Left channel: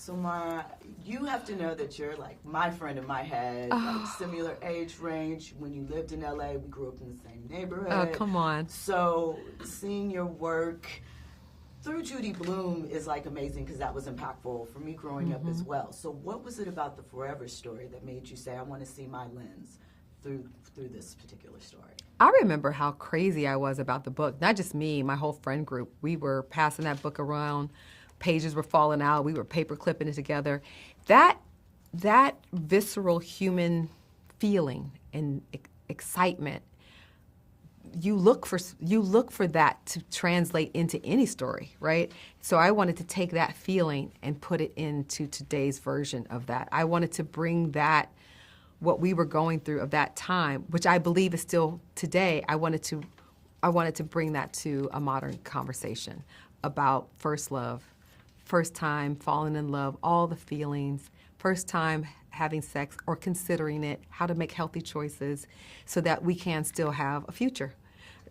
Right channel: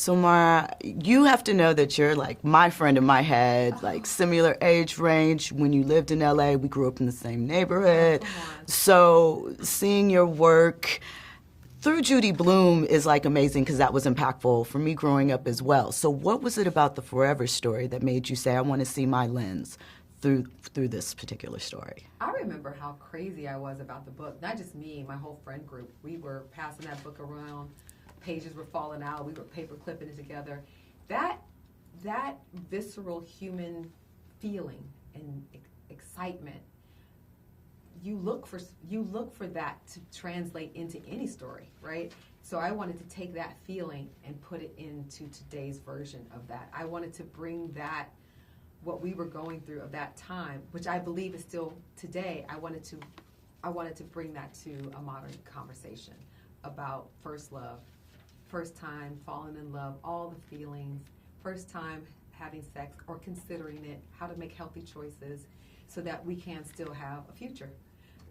So Mara, you have to know that you're like my friend in my head, like similar age range. When you lived in LA, we grew up in the same neighborhood. Oh, come on. So seeing your work through Judy Blume is like amazing because that was impactful for me growing up as well. So what was it about the Forever story that made you say, I want to see my lens through this particular story? I remember how crazy I was about the book. Not just me, my whole friend group. We were passing that book around. Pages were falling out. We were paper clipping it together. That visceral human feeling and excitement, you look for that to translate into any story, right? So I wanted to take that feeling and put it into today's version of that. I wanted to bring that, what we were going through of that time, which I believe is still today. I wanted to bring that to a modern conversation about first love, first time falling in love, all the feelings, first time having sex or considering it, how to make healthy choices so that we can still have a future.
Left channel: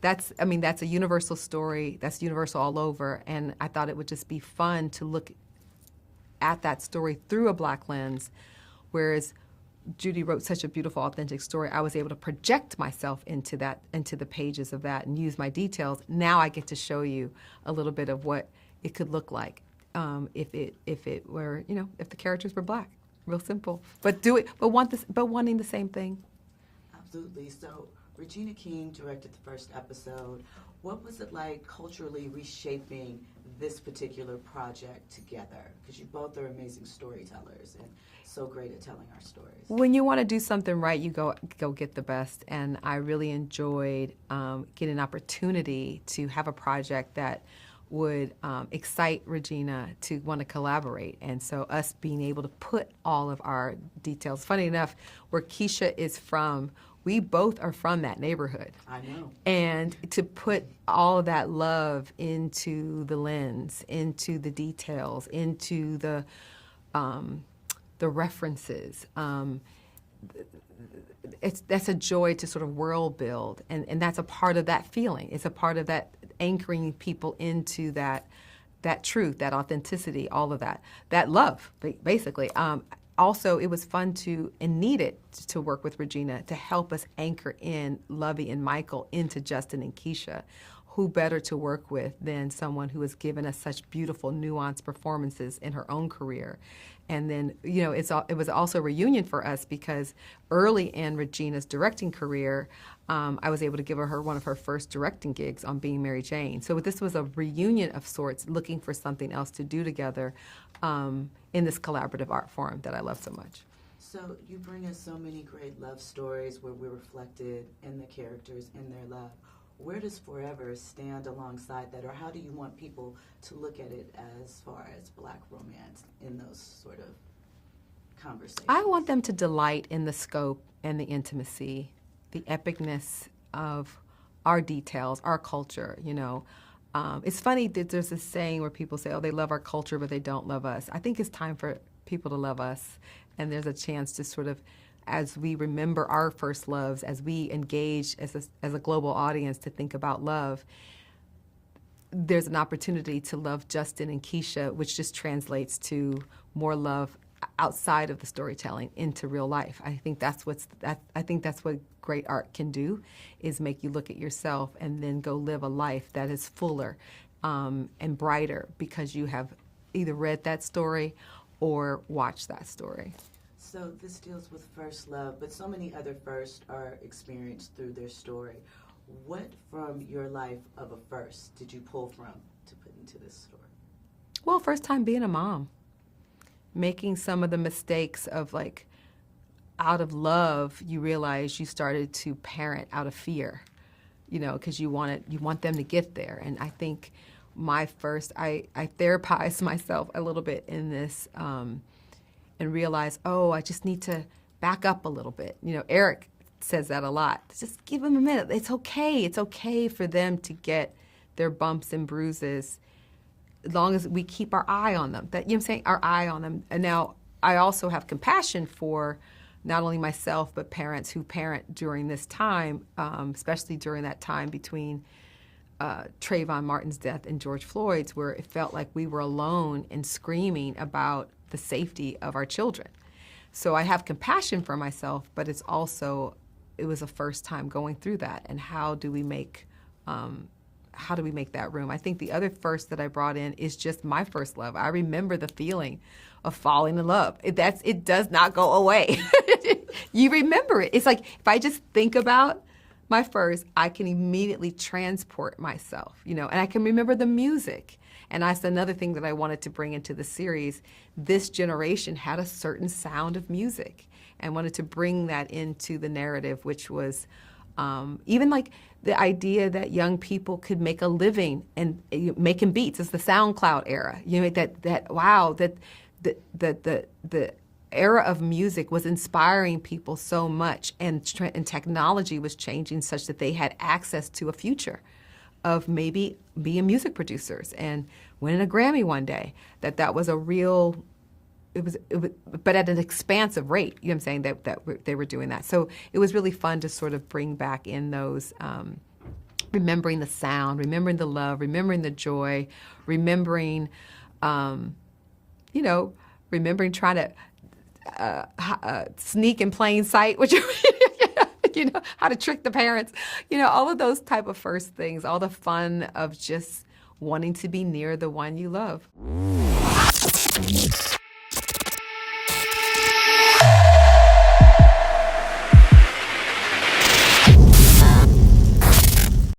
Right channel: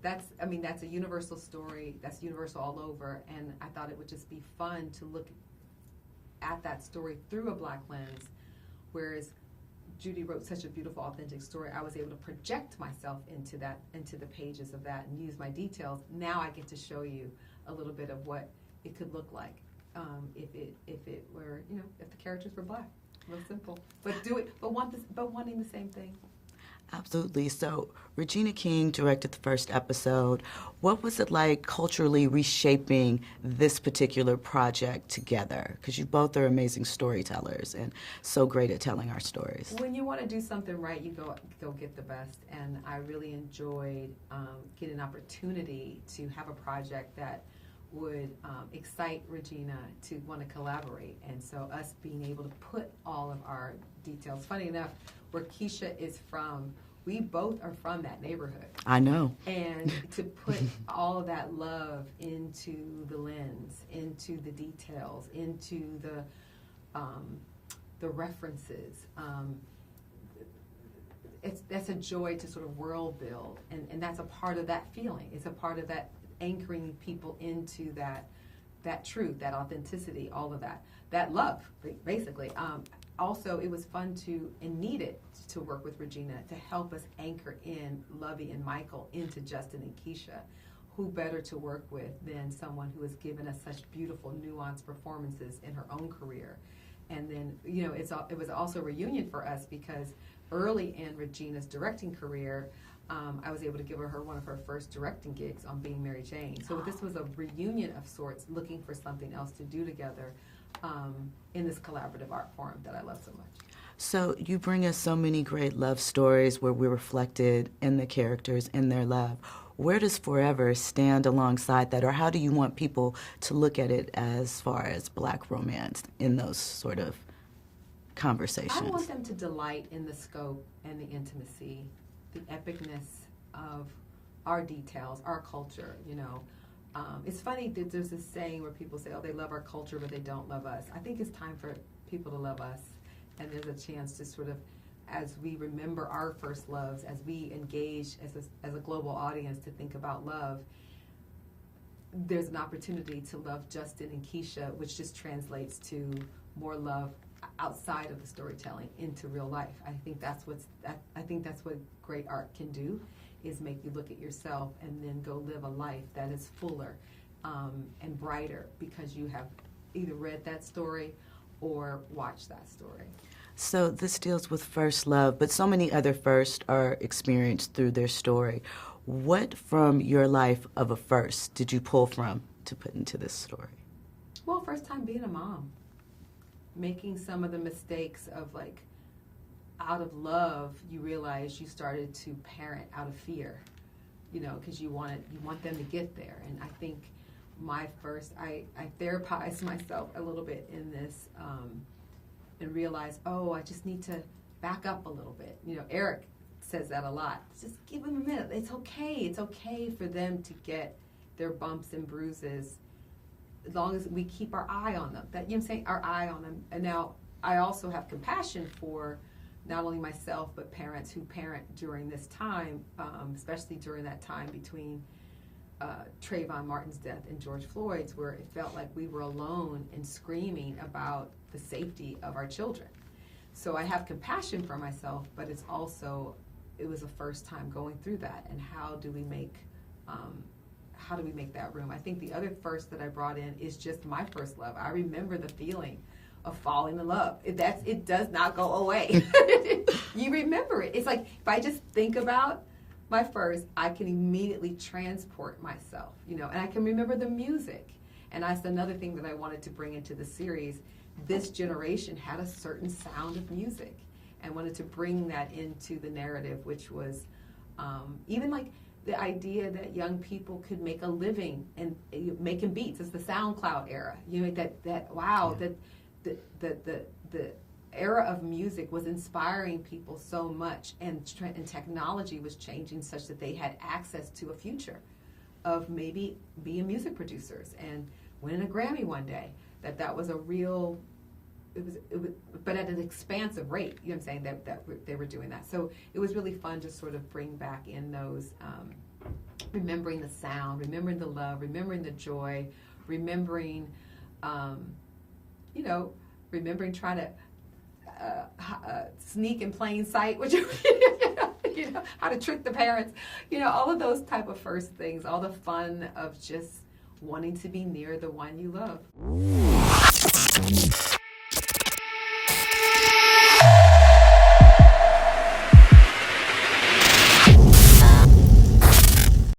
That's a universal story. That's universal all over. And I thought it would just be fun to look at that story through a Black lens, whereas Judy wrote such a beautiful, authentic story. I was able to project myself into the pages of that and use my details. Now I get to show you a little bit of what it could look like if the characters were Black. Real simple, but wanting the same thing. Absolutely. So Regina King directed the first episode. What was it like culturally reshaping this particular project together? Because you both are amazing storytellers and so great at telling our stories. When you want to do something right, you go get the best. And I really enjoyed getting an opportunity to have a project that would excite Regina to want to collaborate. And so us being able to put all of our details. Funny enough, where Keisha is from, we both are from that neighborhood. I know. And to put all of that love into the lens, into the details, into the references, that's a joy to sort of world build. And that's a part of that feeling. It's a part of that anchoring people into that truth, that authenticity, all of that love, basically. Also, it was fun and needed to work with Regina to help us anchor in Lovey and Michael into Justin and Keisha. Who better to work with than someone who has given us such beautiful, nuanced performances in her own career? And then, it was also a reunion for us because early in Regina's directing career, I was able to give her one of her first directing gigs on Being Mary Jane. So this was a reunion of sorts, looking for something else to do together in this collaborative art form that I love so much. So you bring us so many great love stories where we're reflected in the characters, in their love. Where does Forever stand alongside that, or how do you want people to look at it as far as Black romance in those sort of conversations? I want them to delight in the scope and the intimacy, the epicness of our details, our culture, It's funny that there's this saying where people say, oh, they love our culture, but they don't love us. I think it's time for people to love us, and there's a chance to sort of, as we remember our first loves, as we engage as a global audience to think about love, there's an opportunity to love Justin and Keisha, which just translates to more love outside of the storytelling into real life. I think that's what great art can do, is make you look at yourself and then go live a life that is fuller and brighter because you have either read that story or watched that story. So this deals with first love, but so many other firsts are experienced through their story. What from your life of a first did you pull from to put into this story? Well, first time being a mom. Making some of the mistakes of out of love, you realize you started to parent out of fear, because you want them to get there. And I think my first, I therapized myself a little bit in this and realized, I just need to back up a little bit. Eric says that a lot. Just give them a minute. It's okay. It's okay for them to get their bumps and bruises as long as we keep our eye on them. Our eye on them. And now I also have compassion for not only myself, but parents who parent during this time, especially during that time between Trayvon Martin's death and George Floyd's, where it felt like we were alone and screaming about the safety of our children. So I have compassion for myself, but it was a first time going through that. And how do we make that room? I think the other first that I brought in is just my first love. I remember the feeling of falling in love. It does not go away. You remember it. It's like if I just think about my first, I can immediately transport myself, and I can remember the music. And that's another thing that I wanted to bring into the series. This generation had a certain sound of music, and wanted to bring that into the narrative, which was even like the idea that young people could make a living and making beats. It's the SoundCloud era. The era of music was inspiring people so much, and technology was changing such that they had access to a future of maybe being music producers and winning a Grammy one day. That was a real, it was, but at an expansive rate. You know what I'm saying? That they were doing that. So it was really fun to sort of bring back in those, remembering the sound, remembering the love, remembering the joy, remembering, remembering trying to sneak in plain sight, which how to trick the parents, all of those type of first things, all the fun of just wanting to be near the one you love.